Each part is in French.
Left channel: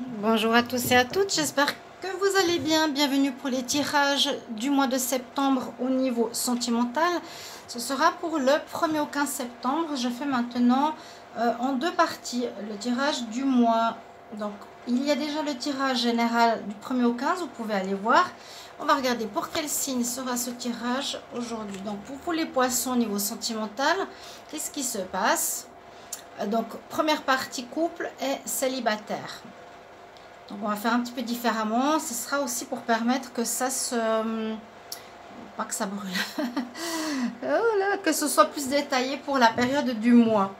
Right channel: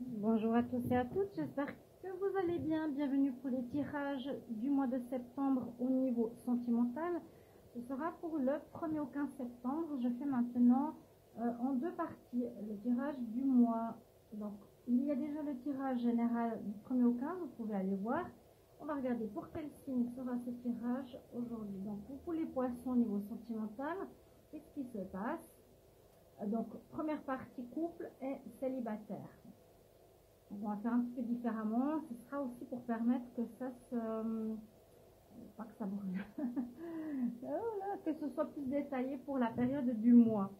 Bonjour à tous et à toutes, j'espère que vous allez bien. Bienvenue pour les tirages du mois de septembre au niveau sentimental. Ce sera pour le 1er au 15 septembre. Je fais maintenant en deux parties le tirage du mois. Donc, il y a déjà le tirage général du 1er au 15, vous pouvez aller voir. On va regarder pour quel signe sera ce tirage aujourd'hui. Donc, pour les poissons au niveau sentimental, qu'est-ce qui se passe? Donc, première partie couple et célibataire. Donc on va faire un petit peu différemment. Ce sera aussi pour permettre que ça se... Pas que ça brûle. Oh là, que ce soit plus détaillé pour la période du mois.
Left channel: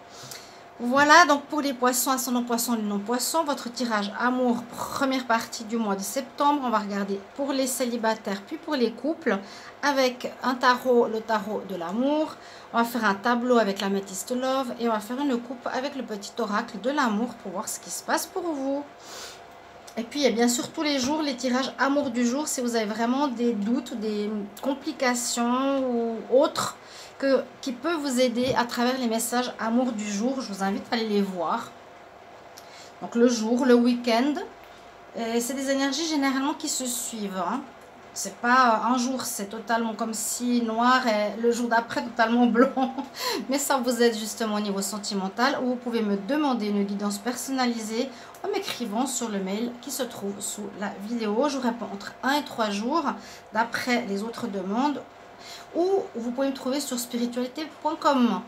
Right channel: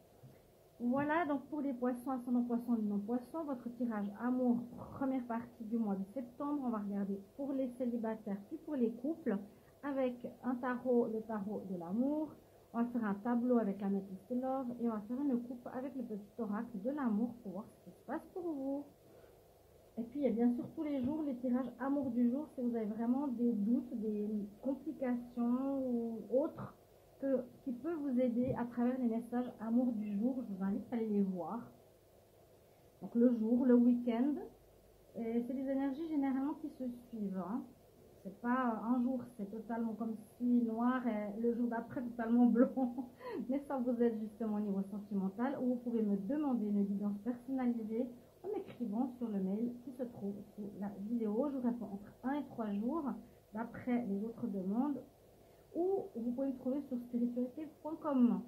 Voilà, donc pour les poissons, ascendant poisson, non poisson, votre tirage amour, première partie du mois de septembre. On va regarder pour les célibataires, puis pour les couples, avec un tarot, le tarot de l'amour. On va faire un tableau avec la métiste love et on va faire une coupe avec le petit oracle de l'amour pour voir ce qui se passe pour vous. Et puis, il y a bien sûr tous les jours les tirages amour du jour. Si vous avez vraiment des doutes ou des complications ou autres qui peuvent vous aider à travers les messages amour du jour, je vous invite à aller les voir. Donc, le jour, le week-end. C'est des énergies généralement qui se suivent. Hein. C'est pas un jour, c'est totalement comme si noir et le jour d'après totalement blanc. Mais ça vous aide justement au niveau sentimental où vous pouvez me demander une guidance personnalisée en m'écrivant sur le mail qui se trouve sous la vidéo. Je vous réponds entre 1 et 3 jours d'après les autres demandes ou vous pouvez me trouver sur spiritualité.com.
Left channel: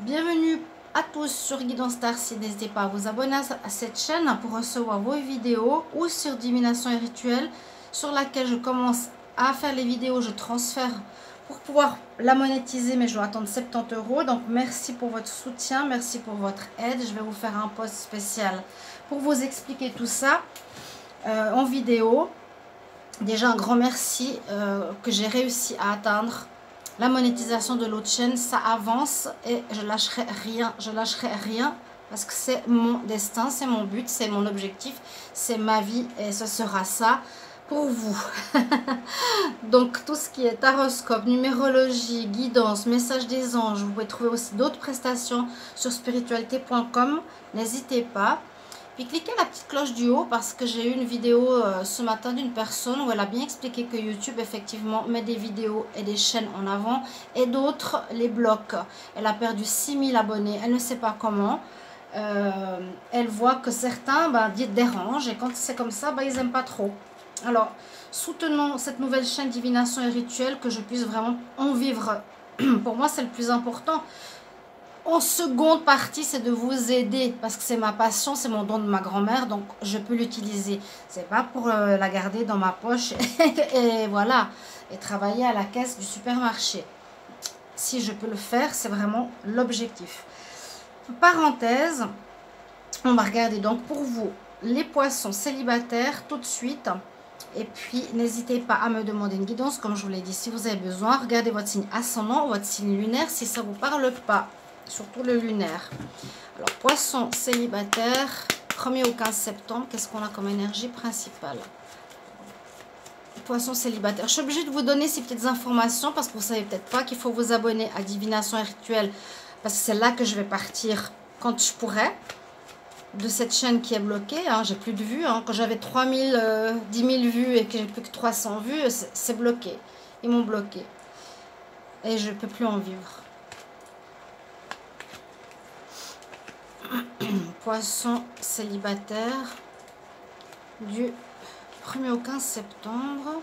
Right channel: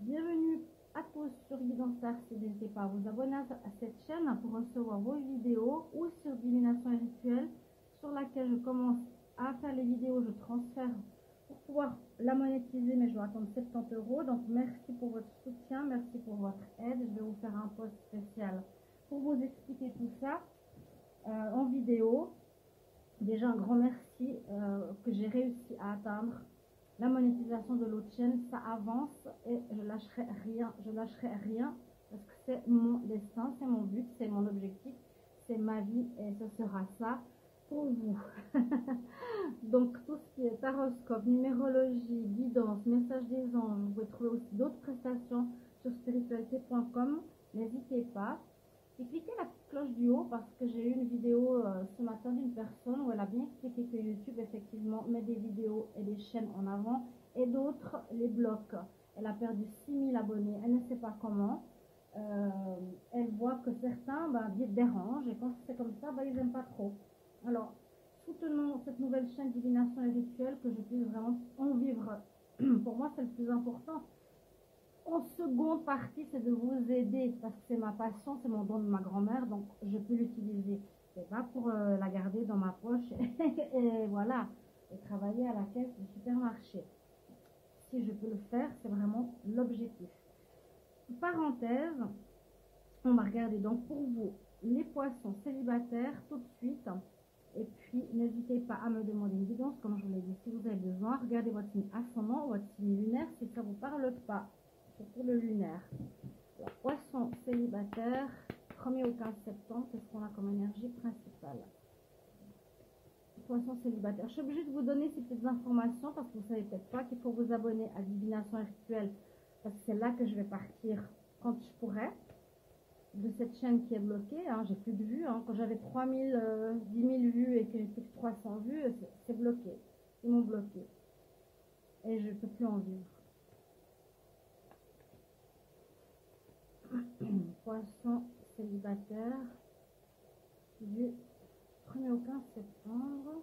Bienvenue à tous sur Guidance Starseed. N'hésitez pas à vous abonner à cette chaîne pour recevoir vos vidéos ou sur Divination et Rituel sur laquelle je commence à faire les vidéos, je transfère pour pouvoir la monétiser, mais je dois attendre 70 €. Donc merci pour votre soutien, merci pour votre aide. Je vais vous faire un post spécial pour vous expliquer tout ça en vidéo. Déjà un grand merci que j'ai réussi à atteindre la monétisation de l'autre chaîne. Ça avance et je lâcherai rien parce que c'est mon destin, c'est mon but, c'est mon objectif, c'est ma vie et ce sera ça pour vous. Donc tout ce qui est horoscope, numérologie, guidance, message des anges, vous pouvez trouver aussi d'autres prestations sur spiritualité.com. N'hésitez pas. Puis cliquez la petite cloche du haut parce que j'ai eu une vidéo ce matin d'une personne où elle a bien expliqué que YouTube effectivement met des vidéos et des chaînes en avant et d'autres les bloque. Elle a perdu 6000 abonnés, elle ne sait pas comment. Elle voit que certains dérangent et quand c'est comme ça, ils n'aiment pas trop. Alors, soutenons cette nouvelle chaîne Divination et Rituel, que je puisse vraiment en vivre. Pour moi, c'est le plus important. En seconde partie, c'est de vous aider parce que c'est ma passion, c'est mon don de ma grand-mère, donc je peux l'utiliser. C'est pas pour la garder dans ma poche et voilà, et travailler à la caisse du supermarché. Si je peux le faire, c'est vraiment l'objectif. Parenthèse, on va regarder donc pour vous les poissons célibataires tout de suite. Et puis, n'hésitez pas à me demander une guidance, comme je vous l'ai dit, si vous avez besoin. Regardez votre signe ascendant ou votre signe lunaire si ça ne vous parle pas, surtout le lunaire. Alors, poisson célibataire, 1er au 15 septembre, qu'est-ce qu'on a comme énergie principale? Poisson célibataire. Je suis obligée de vous donner ces petites informations parce que vous ne savez peut-être pas qu'il faut vous abonner à Divination et Rituel parce que c'est là que je vais partir quand je pourrai. De cette chaîne qui est bloquée, hein, j'ai plus de vues, hein. Quand j'avais 3000, 10 000 vues et que j'ai plus que 300 vues, c'est bloqué, ils m'ont bloqué et je peux plus en vivre. Poisson célibataire du 1er au 15 septembre,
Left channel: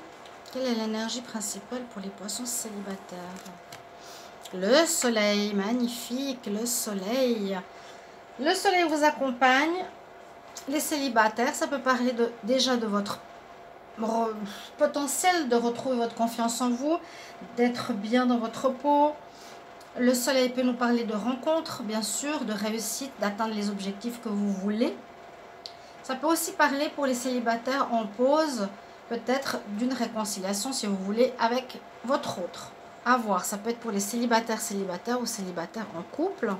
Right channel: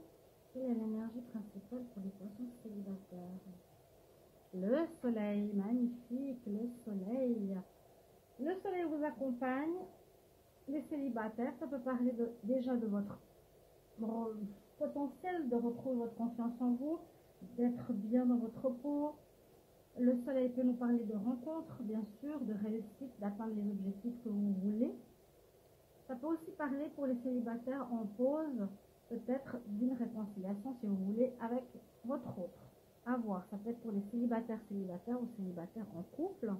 quelle est l'énergie principale pour les poissons célibataires? Le soleil, magnifique, le soleil. Le soleil vous accompagne. Les célibataires, ça peut parler déjà de votre potentiel de retrouver votre confiance en vous, d'être bien dans votre peau. Le soleil peut nous parler de rencontres, bien sûr, de réussite, d'atteindre les objectifs que vous voulez. Ça peut aussi parler pour les célibataires en pause, peut-être d'une réconciliation, si vous voulez, avec votre autre. À voir, ça peut être pour les célibataires ou célibataires en couple.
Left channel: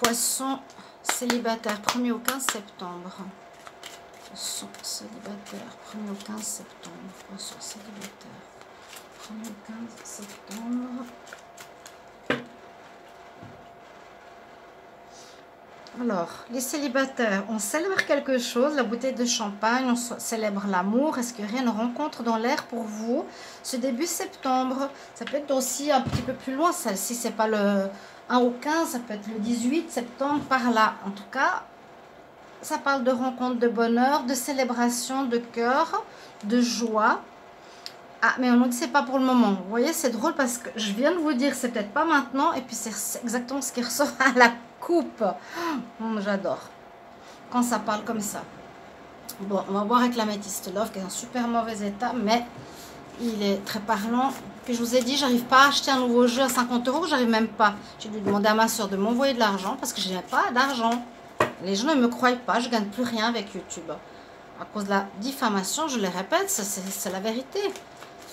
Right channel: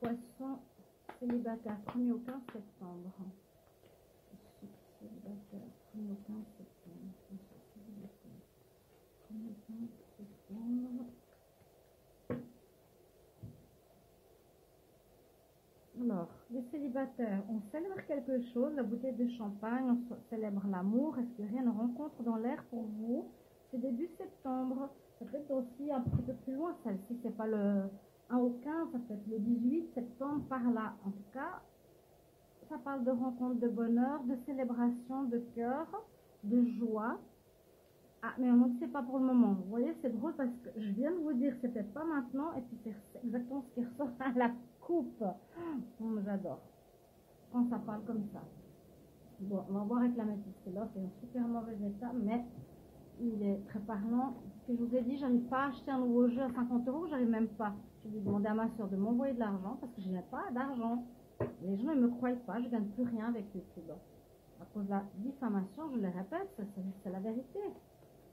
Poisson célibataire, 1er au 15 septembre. Poisson célibataire, 1er au 15 septembre. Poisson célibataire, 1er au 15 septembre. Alors, les célibataires, on célèbre quelque chose, la bouteille de champagne, on célèbre l'amour. Est-ce qu'il y aurait une rencontre dans l'air pour vous ce début septembre? Ça peut être aussi un petit peu plus loin, si c'est pas le 1 au 15, ça peut être le 18 septembre, par là. En tout cas, ça parle de rencontre, de bonheur, de célébration, de cœur, de joie. Ah, mais on nous dit c'est pas pour le moment. Vous voyez, c'est drôle parce que je viens de vous dire c'est peut-être pas maintenant et puis c'est exactement ce qui ressort à la coupe. J'adore quand ça parle comme ça. Bon, on va voir avec l'améthyste love qui est en super mauvais état, mais il est très parlant. Puis je vous ai dit, j'arrive pas à acheter un nouveau jeu à 50 €, j'arrive même pas. J'ai dû demander à ma soeur de m'envoyer de l'argent parce que je n'ai pas d'argent. Les gens ne me croient pas, je gagne plus rien avec YouTube. À cause de la diffamation, je le répète, c'est la vérité.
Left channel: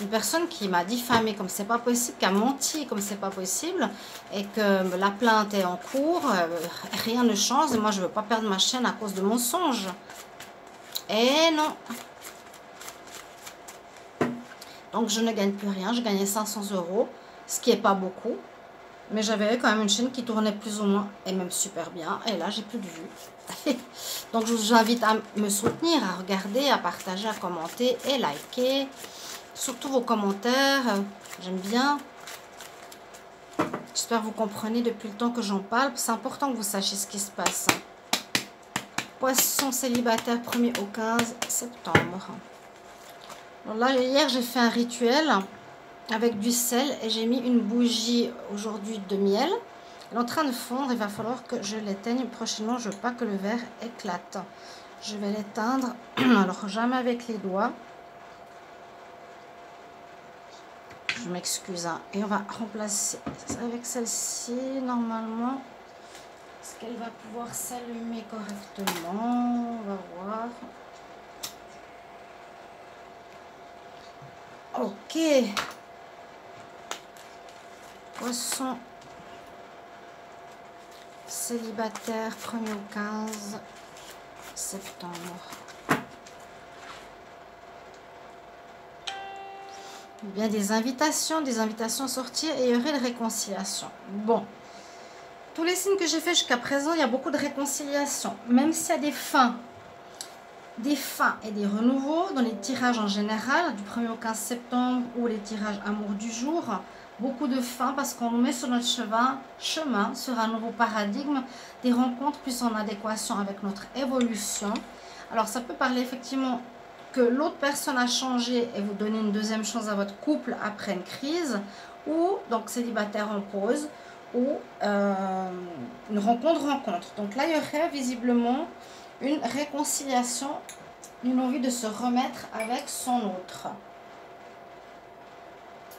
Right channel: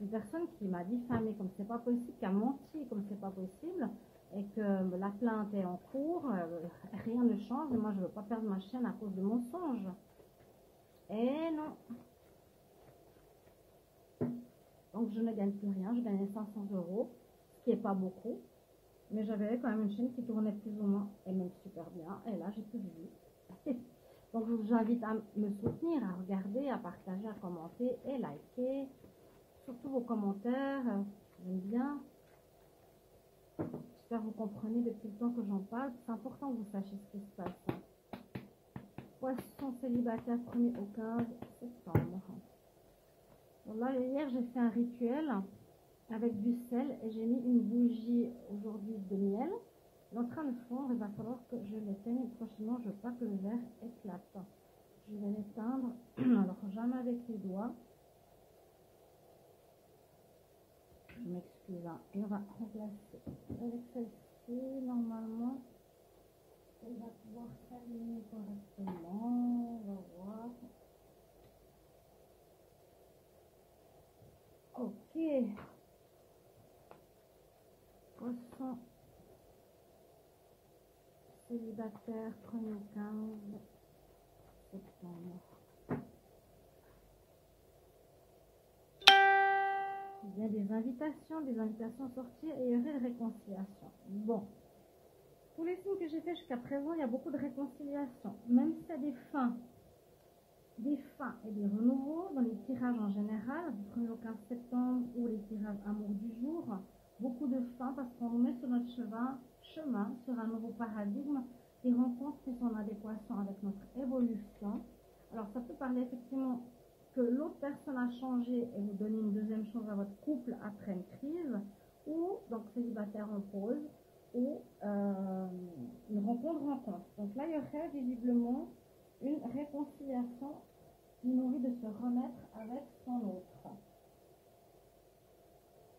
Une personne qui m'a diffamé comme c'est pas possible, qui a menti comme c'est pas possible, et que la plainte est en cours, rien ne change, et moi je veux pas perdre ma chaîne à cause de mensonges. Et non. Donc je ne gagne plus rien, je gagnais 500 €, ce qui est pas beaucoup, mais j'avais quand même une chaîne qui tournait plus ou moins, et même super bien, et là j'ai plus de vues. Donc je vous invite à me soutenir, à regarder, à partager, à commenter et liker. Surtout vos commentaires, j'aime bien. J'espère que vous comprenez depuis le temps que j'en parle. C'est important que vous sachiez ce qui se passe. Poisson célibataire 1er au 15 septembre. Alors là, hier, j'ai fait un rituel avec du sel et j'ai mis une bougie aujourd'hui de miel. Elle est en train de fondre, il va falloir que je l'éteigne prochainement. Je ne veux pas que le verre éclate. Je vais l'éteindre, alors jamais avec les doigts. Je m'excuse, hein. Et on va remplacer avec celle-ci, normalement. Est-ce qu'elle va pouvoir s'allumer correctement? On va voir. Ok. Poisson célibataire, 1er au 15 septembre. Bien des invitations à sortir et il y aurait de réconciliation. Bon, tous les signes que j'ai fait jusqu'à présent, il y a beaucoup de réconciliation. Même s'il y a des fins et des renouveaux dans les tirages en général, du 1er au 15 septembre ou les tirages amour du jour, beaucoup de fins parce qu'on nous met sur notre chemin sur un nouveau paradigme, des rencontres plus en adéquation avec notre évolution. Alors ça peut parler effectivement que l'autre personne a changé et vous donnez une deuxième chance à votre couple après une crise, ou donc célibataire en pause, ou une rencontre. Donc là, il y aurait visiblement une réconciliation, une envie de se remettre avec son autre.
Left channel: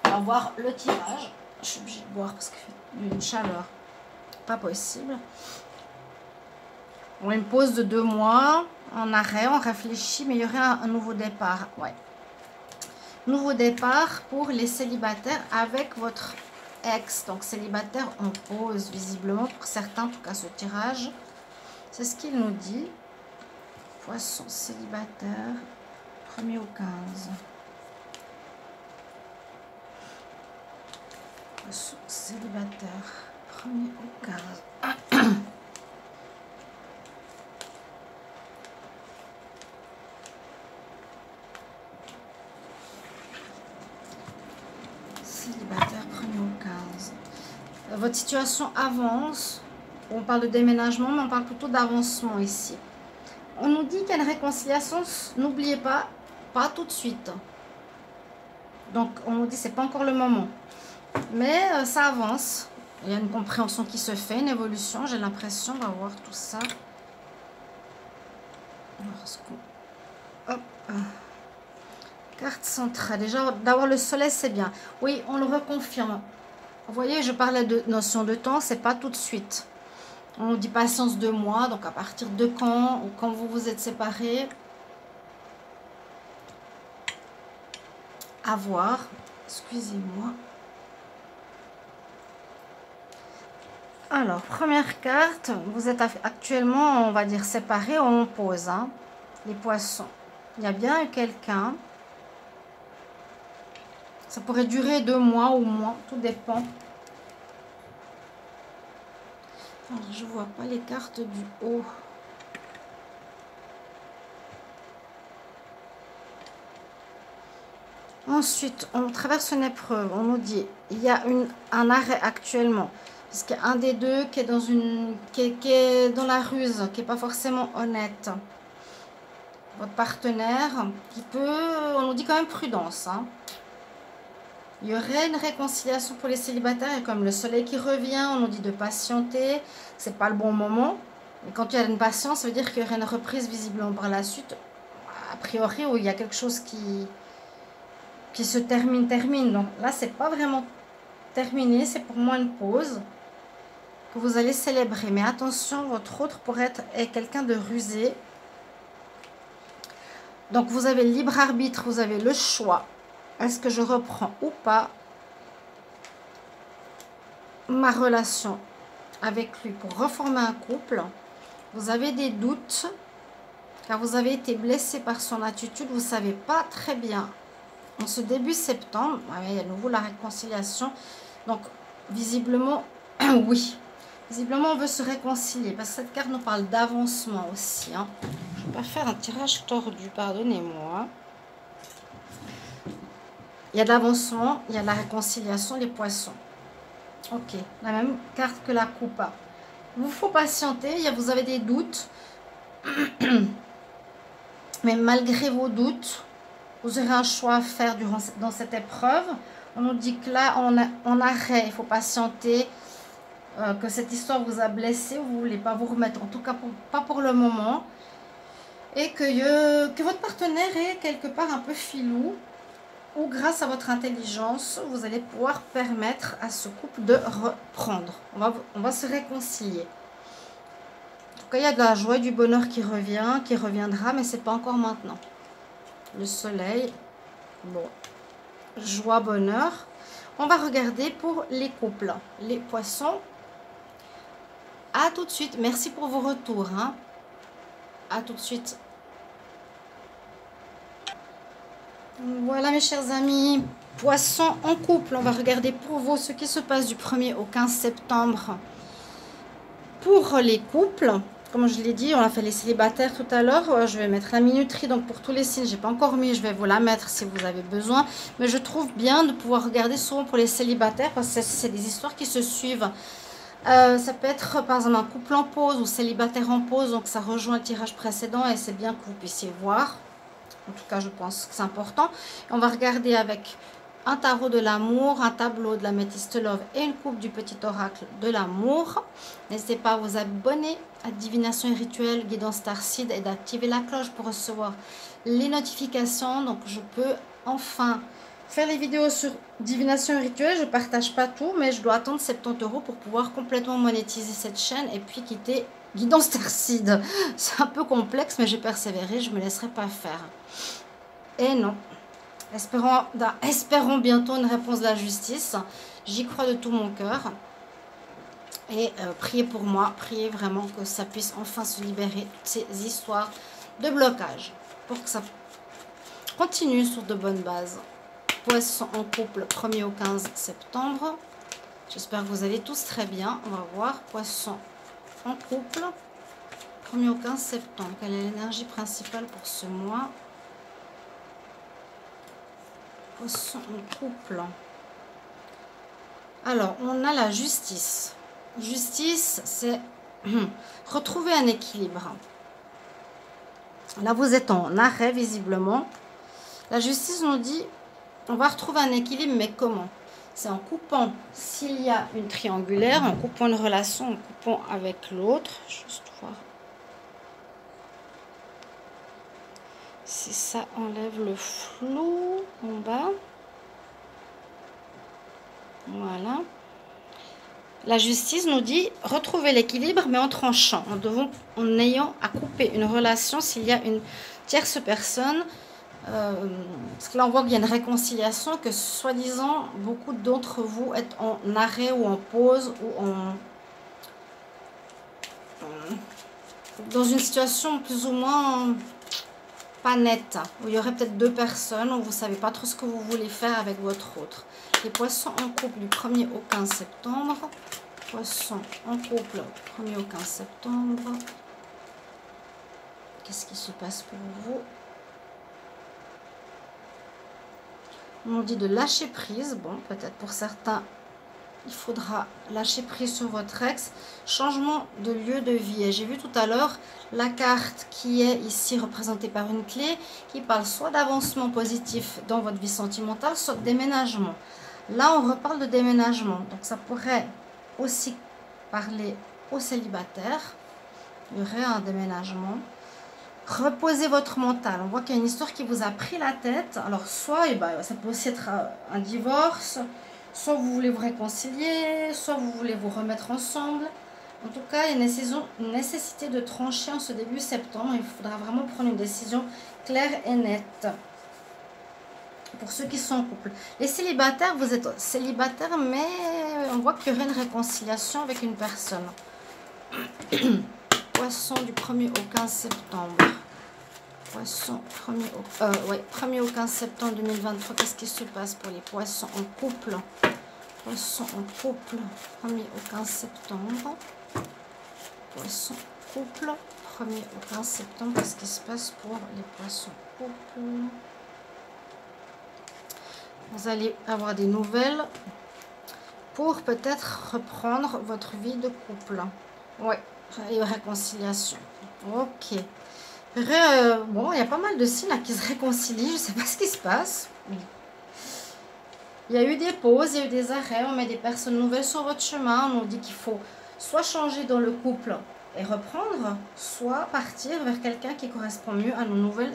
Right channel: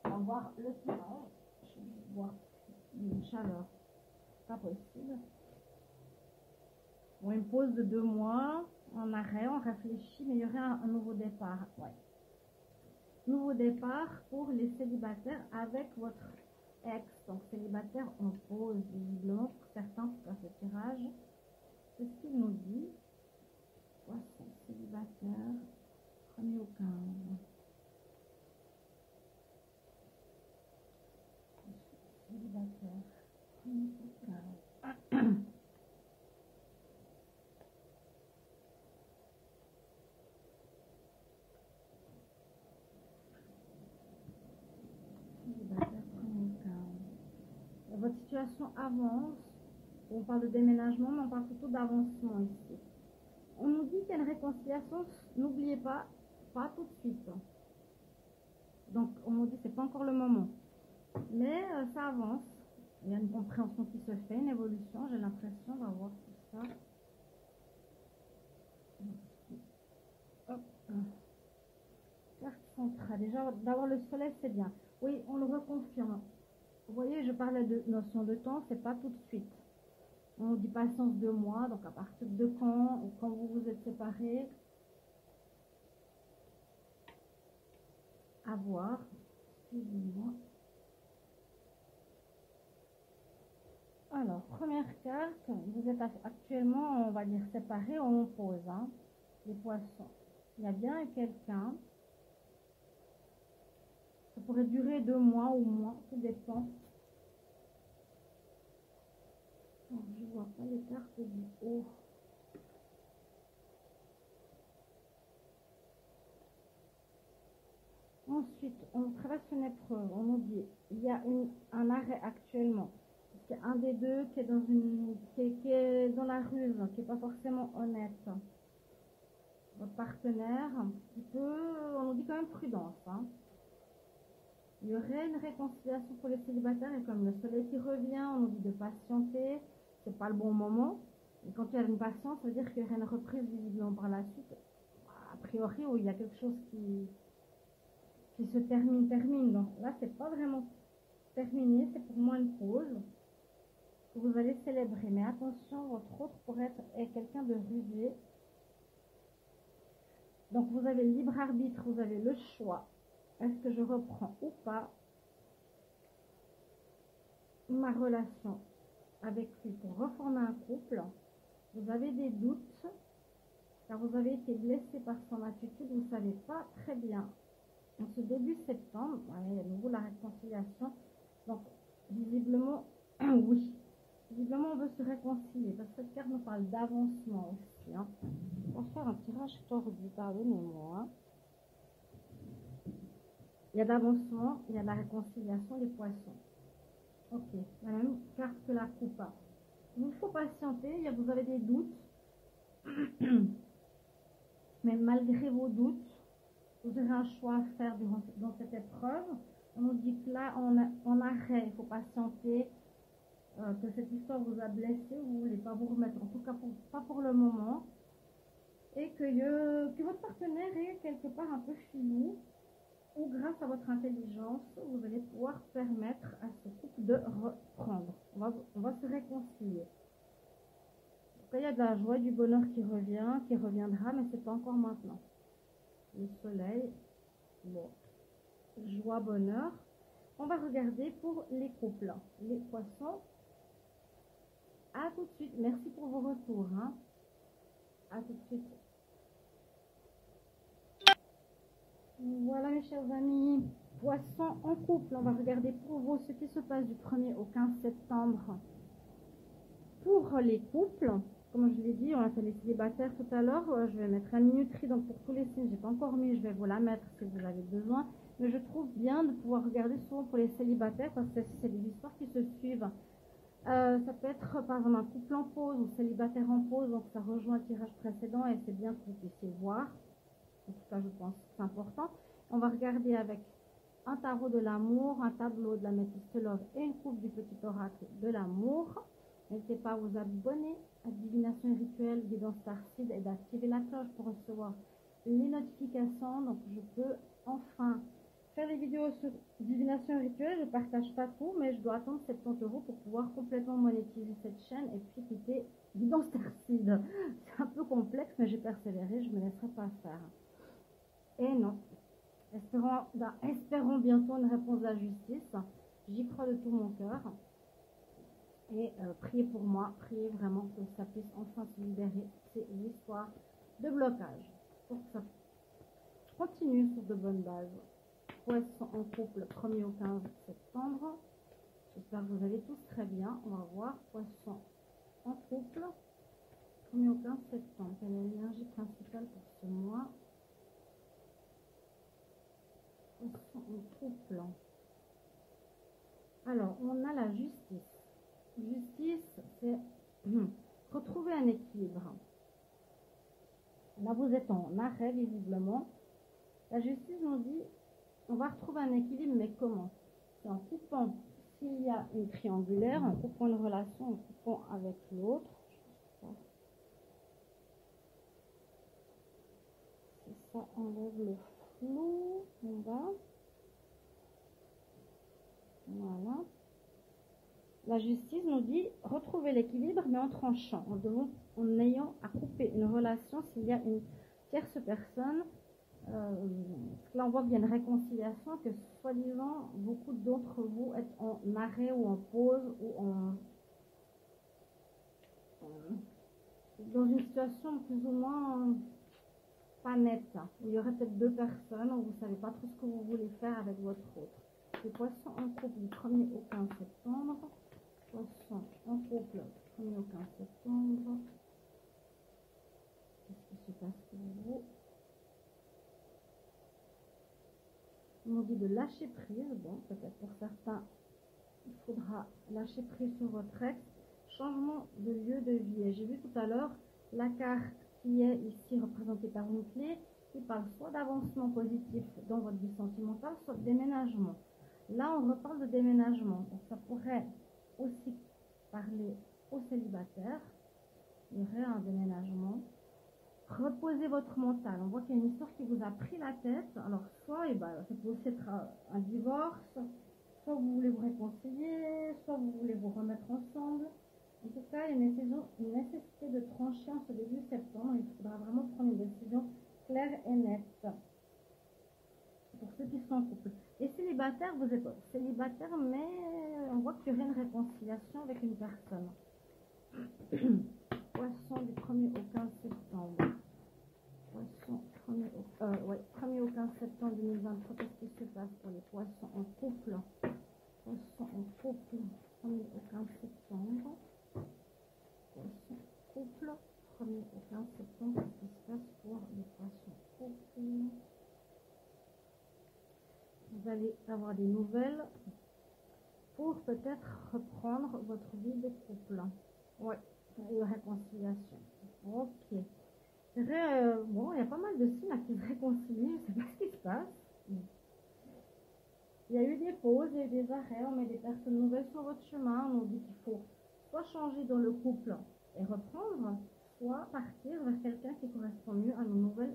On va voir le tirage. Je suis obligée de boire parce qu'il fait une chaleur pas possible. On a une pause de 2 mois. En arrêt, on réfléchit, mais il y aurait un nouveau départ. Ouais. Nouveau départ pour les célibataires avec votre ex. Donc, célibataire en pause, visiblement, pour certains, en tout cas, ce tirage. C'est ce qu'il nous dit. Poisson célibataire, 1er au 15. Poisson célibataire, 1er au 15. Célibataire 1er au 15. Votre situation avance. On parle de déménagement, mais on parle plutôt d'avancement ici. On nous dit qu'il y a une réconciliation. N'oubliez pas, pas tout de suite. Donc, on nous dit que ce n'est pas encore le moment. Mais ça avance. Il y a une compréhension qui se fait, une évolution. J'ai l'impression. On va voir tout ça. Hop. Carte centrale. Déjà, d'avoir le soleil, c'est bien. Oui, on le reconfirme. Vous voyez, je parlais de notion de temps, c'est pas tout de suite. On nous dit patience 2 mois, donc à partir de quand, ou quand vous vous êtes séparés. À voir. Excusez-moi. Alors, première carte, vous êtes actuellement, on va dire, séparés ou en pause, hein, les poissons. Il y a bien eu quelqu'un. Ça pourrait durer 2 mois ou moins, tout dépend. Alors, je ne vois pas les cartes du haut. Ensuite, on traverse une épreuve. On nous dit il y a un arrêt actuellement. Parce qu'il y a un des deux qui est dans, qui est dans la ruse, qui n'est pas forcément honnête. Votre partenaire qui peut... On nous dit quand même prudence. Hein. Il y aurait une réconciliation pour les célibataires. Et comme le soleil qui revient, on nous dit de patienter. C'est pas le bon moment. Et quand il y a une patience, ça veut dire qu'il y aurait une reprise visiblement par la suite. A priori, où il y a quelque chose qui se termine. Donc là, c'est pas vraiment terminé. C'est pour moi une pause que vous allez célébrer. Mais attention, votre autre pourrait être quelqu'un de rusé. Donc vous avez le libre arbitre, vous avez le choix. Est-ce que je reprends ou pas ma relation avec lui pour reformer un couple? Vous avez des doutes car vous avez été blessé par son attitude. Vous ne savez pas très bien. En ce début septembre, il y a à nouveau la réconciliation. Donc visiblement, oui. Visiblement, on veut se réconcilier. Parce que cette carte nous parle d'avancement aussi. Hein. Je ne vais pas faire un tirage tordu, pardonnez-moi. Il y a de l'avancement, il y a de la réconciliation, les poissons. Ok, la même carte que la coupe. Il vous faut patienter, vous avez des doutes. Mais malgré vos doutes, vous aurez un choix à faire dans cette épreuve. On nous dit que là, en arrêt, il faut patienter. Que cette histoire vous a blessé, vous ne voulez pas vous remettre, en tout cas pas pour le moment. Et que votre partenaire est quelque part un peu filou. Ou grâce à votre intelligence, vous allez pouvoir permettre à ce couple de reprendre. On va se réconcilier. En tout cas, il y a de la joie et du bonheur qui revient, qui reviendra, mais ce n'est pas encore maintenant. Le soleil, bon, joie, bonheur. On va regarder pour les couples, les poissons. À tout de suite. Merci pour vos retours. Hein. À tout de suite. Voilà mes chers amis, poissons en couple, on va regarder pour vous ce qui se passe du 1er au 15 septembre pour les couples. Comme je l'ai dit, on a fait les célibataires tout à l'heure, je vais mettre la minuterie, donc pour tous les signes, j'ai pas encore mis, je vais vous la mettre si vous avez besoin. Mais je trouve bien de pouvoir regarder souvent pour les célibataires parce que c'est des histoires qui se suivent. Ça peut être par exemple un couple en pause ou célibataire en pause, donc ça rejoint le tirage précédent et c'est bien que vous puissiez voir. En tout cas, je pense que c'est important. On va regarder avec un tarot de l'amour, un tableau de la Métiste Love et une coupe du petit oracle de l'amour. N'hésitez pas à vous abonner à Divination et Rituel Guidance Starseed et d'activer la cloche pour recevoir les notifications. Donc, je peux enfin faire les vidéos sur Divination et Rituel. Je ne partage pas tout, mais je dois attendre 70 € pour pouvoir complètement monétiser cette chaîne et puis quitter Guidance Starseed. C'est un peu complexe, mais j'ai persévéré, je ne me laisserai pas faire. Et non. Espérons bientôt une réponse de la justice. J'y crois de tout mon cœur. Et priez pour moi, priez vraiment que ça puisse enfin se libérer de ces histoires de blocage. Pour que ça continue sur de bonnes bases. Poissons en couple, 1er au 15 septembre. J'espère que vous allez tous très bien. On va voir. Poissons en couple, 1er au 15 septembre. Quelle est l'énergie principale pour ce mois? Poissons en couple. Alors, on a la justice. Justice, c'est retrouver un équilibre. Là, vous êtes en arrêt, visiblement. La justice nous dit, on va retrouver un équilibre, mais comment? C'est en coupant, s'il y a une triangulaire, en coupant une relation, en coupant avec l'autre. Juste voir si ça enlève le flou en bas. Voilà. La justice nous dit retrouver l'équilibre, mais en tranchant, en ayant à couper une relation s'il y a une tierce personne. Parce que là, on voit qu'il y a une réconciliation, que soi-disant, beaucoup d'entre vous êtes en arrêt ou en pause ou dans une situation plus ou moins pas nette, où il y aurait peut-être deux personnes, où vous ne savez pas trop ce que vous voulez faire avec votre autre. Les poissons en couple du 1er au 15 septembre. Poisson en couple, 1er au 15 septembre. Qu'est-ce qui se passe pour vous? On nous dit de lâcher prise. Bon, peut-être pour certains, il faudra lâcher prise sur votre ex. Changement de lieu de vie. Et j'ai vu tout à l'heure la carte qui est ici représentée par une clé qui parle soit d'avancement positif dans votre vie sentimentale, soit de déménagement. Là, on reparle de déménagement. Donc, ça pourrait aussi parler aux célibataires. Il y aurait un déménagement. Reposez votre mental. On voit qu'il y a une histoire qui vous a pris la tête. Alors, soit ça peut aussi être un divorce, soit vous voulez vous réconcilier, soit vous voulez vous remettre ensemble. En tout cas, il y a une nécessité de trancher en ce début septembre. Il faudra vraiment prendre une décision claire et nette. Pour ceux qui sont en couple. Les célibataires, vous êtes célibataire, mais on voit qu'il y aurait une réconciliation avec une personne. Poisson du 1er au 15 septembre. Poisson, 1er au 15 septembre 2023. Qu'est-ce qui se passe pour les poissons en couple? Poisson en couple, 1er au 15 septembre. Poisson couple, 1er au 15 septembre. Qu'est-ce qui se passe pour les poissons couple? Vous allez avoir des nouvelles pour peut-être reprendre votre vie de couple. Ouais, et réconciliation. Ok. Bon, il y a pas mal de signes là qui se réconcilient. Je ne sais pas ce qui se passe. Il y a eu des pauses, il y a eu des arrêts. On met des personnes nouvelles sur votre chemin. On nous dit qu'il faut soit changer dans le couple et reprendre, soit partir vers quelqu'un qui correspond mieux à nos nouvelles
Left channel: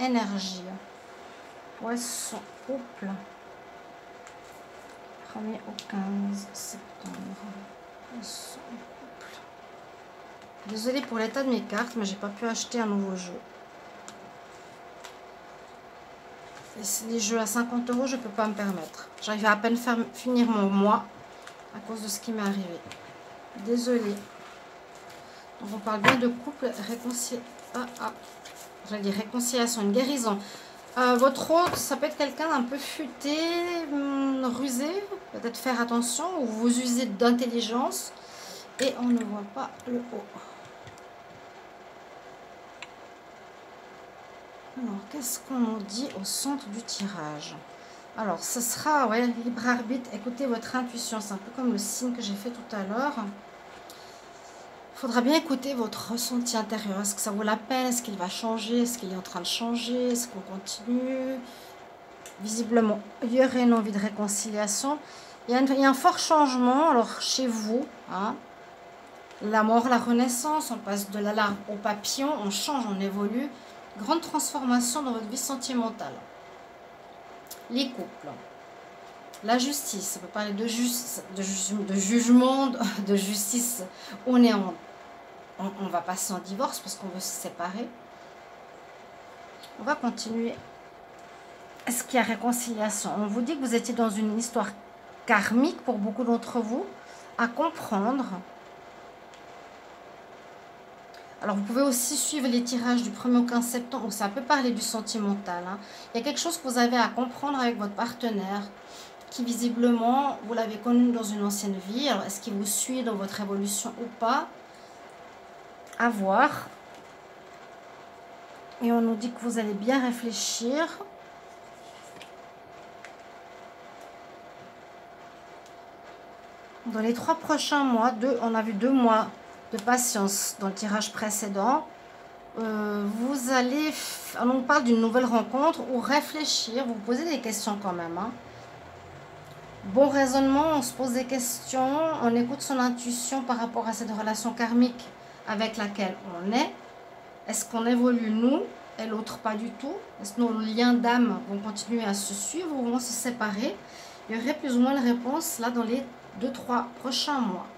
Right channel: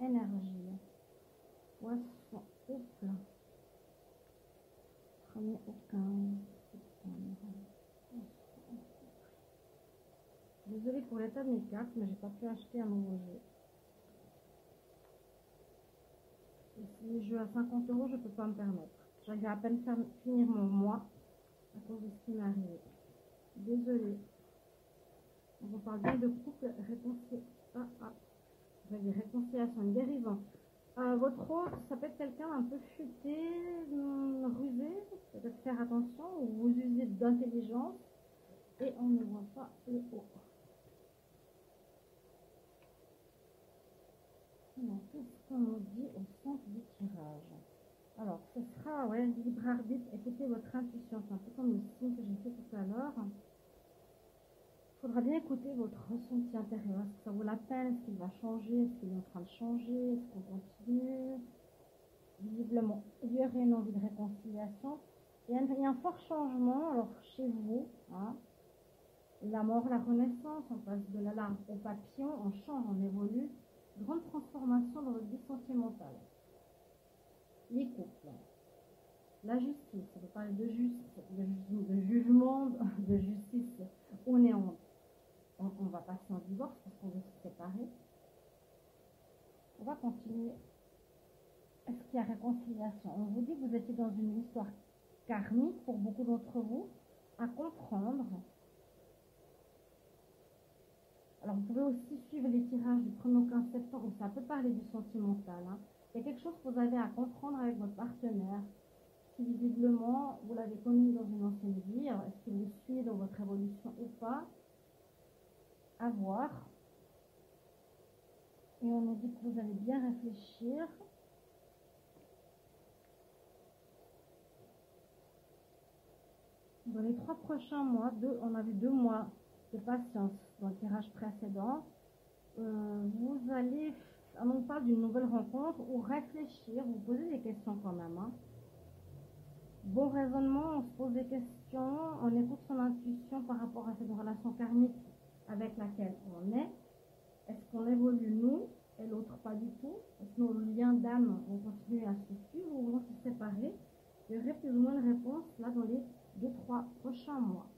énergies. Poisson, couple. 1er au 15 septembre. Poisson, couple. Désolée pour l'état de mes cartes, mais j'ai pas pu acheter un nouveau jeu. Et les jeux à 50 €, je peux pas me permettre. J'arrive à peine finir mon mois à cause de ce qui m'est arrivé. Désolée. Donc on parle bien de couple, réconciliation, une guérison. Votre autre, ça peut être quelqu'un d'un peu futé, rusé, peut-être faire attention, ou vous usez d'intelligence. Et on ne voit pas le haut. Alors, qu'est-ce qu'on nous dit au centre du tirage? Alors, ce sera, ouais, libre arbitre. Écoutez votre intuition. C'est un peu comme le signe que j'ai fait tout à l'heure. Il faudra bien écouter votre ressenti intérieur. Est-ce que ça vaut la peine? Est-ce qu'il va changer? Est-ce qu'il est en train de changer? Est-ce qu'on continue? Visiblement, il y aurait une envie de réconciliation. Il y a un fort changement, alors, chez vous, hein. La mort, la renaissance, on passe de la larve au papillon, on change, on évolue. Grande transformation dans votre vie sentimentale. Les couples. La justice, ça peut parler de jugement, de justice. On va passer en divorce parce qu'on veut se séparer. On va continuer. Est-ce qu'il y a réconciliation? On vous dit que vous étiez dans une histoire karmique pour beaucoup d'entre vous à comprendre. Alors, vous pouvez aussi suivre les tirages du 1er au 15 septembre, où ça peut parler du sentimental. Hein. Il y a quelque chose que vous avez à comprendre avec votre partenaire, qui visiblement, vous l'avez connu dans une ancienne vie. Alors, est-ce qu'il vous suit dans votre évolution ou pas? À voir. Et on nous dit que vous allez bien réfléchir. Dans les 3 prochains mois, on a vu 2 mois de patience dans le tirage précédent. Vous allez, on parle d'une nouvelle rencontre ou réfléchir, vous posez des questions quand même. Hein. Bon raisonnement, on se pose des questions, on écoute son intuition par rapport à cette relation karmique avec laquelle on est. Est-ce qu'on évolue nous et l'autre pas du tout? Est-ce que nos liens d'âme vont continuer à se suivre ou vont se séparer? Il y aurait plus ou moins une réponse là dans les 2-3 prochains mois.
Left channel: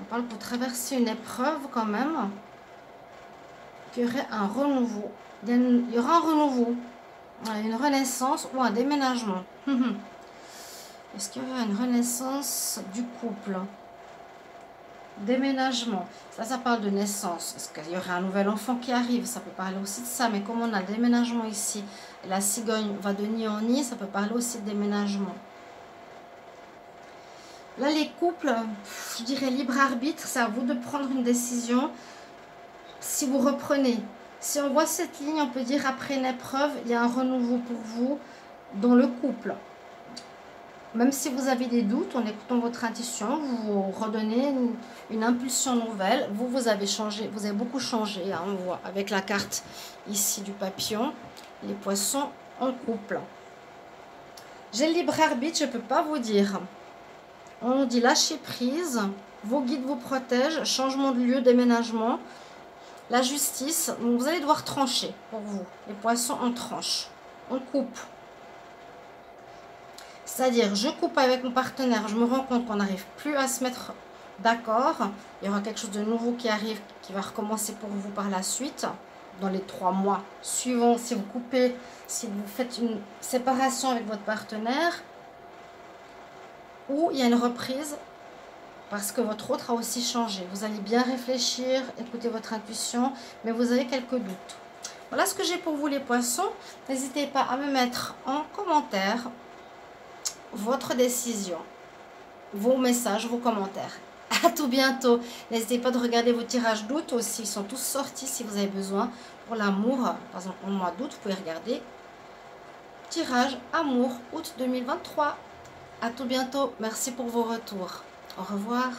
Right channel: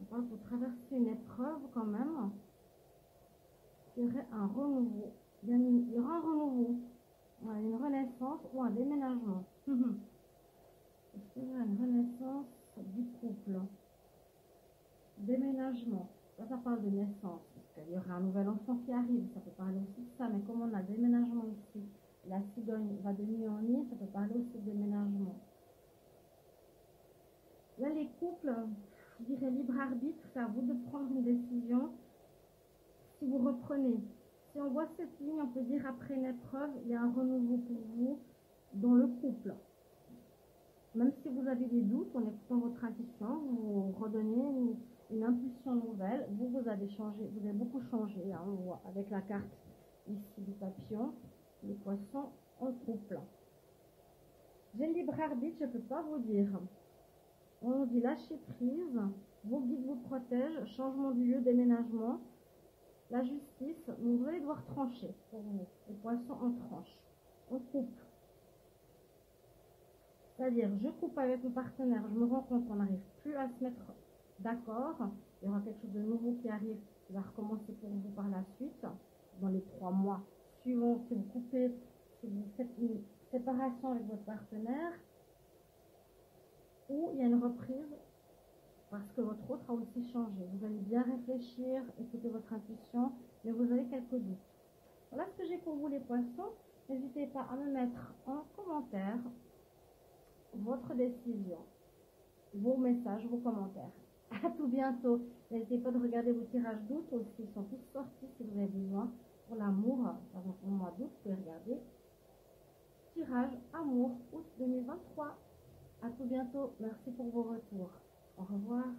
On parle pour traverser une épreuve quand même. Qu'il y aurait un renouveau. Il y aura un renouveau. Une renaissance ou un déménagement. Est-ce qu'il y aura une renaissance du couple? Déménagement. Ça parle de naissance. Est-ce qu'il y aurait un nouvel enfant qui arrive? Ça peut parler aussi de ça. Mais comme on a le déménagement ici, la cigogne va de nid en nid, ça peut parler aussi de déménagement. Là, les couples, je dirais libre arbitre, c'est à vous de prendre une décision. Si vous reprenez, si on voit cette ligne, on peut dire après une épreuve, il y a un renouveau pour vous dans le couple. Même si vous avez des doutes, en écoutant votre intuition, vous vous redonnez une impulsion nouvelle. Vous avez changé, vous avez beaucoup changé, hein, on voit avec la carte ici du papillon, les poissons en couple. J'ai le libre arbitre, je ne peux pas vous dire. On nous dit lâcher prise, vos guides vous protègent, changement de lieu, déménagement, la justice. Donc vous allez devoir trancher pour vous. Les poissons, on tranche, on coupe. C'est-à-dire, je coupe avec mon partenaire, je me rends compte qu'on n'arrive plus à se mettre d'accord. Il y aura quelque chose de nouveau qui arrive, qui va recommencer pour vous par la suite, dans les 3 mois suivants. Si vous coupez, si vous faites une séparation avec votre partenaire, ou il y a une reprise parce que votre autre a aussi changé. Vous allez bien réfléchir, écouter votre intuition, mais vous avez quelques doutes. Voilà ce que j'ai pour vous les poissons. N'hésitez pas à me mettre en commentaire votre décision, vos messages, vos commentaires. À tout bientôt. N'hésitez pas de regarder vos tirages d'août aussi. Ils sont tous sortis si vous avez besoin. Pour l'amour, par exemple au mois d'août, vous pouvez regarder tirage amour août 2023. À tout bientôt. Merci pour vos retours. Au revoir.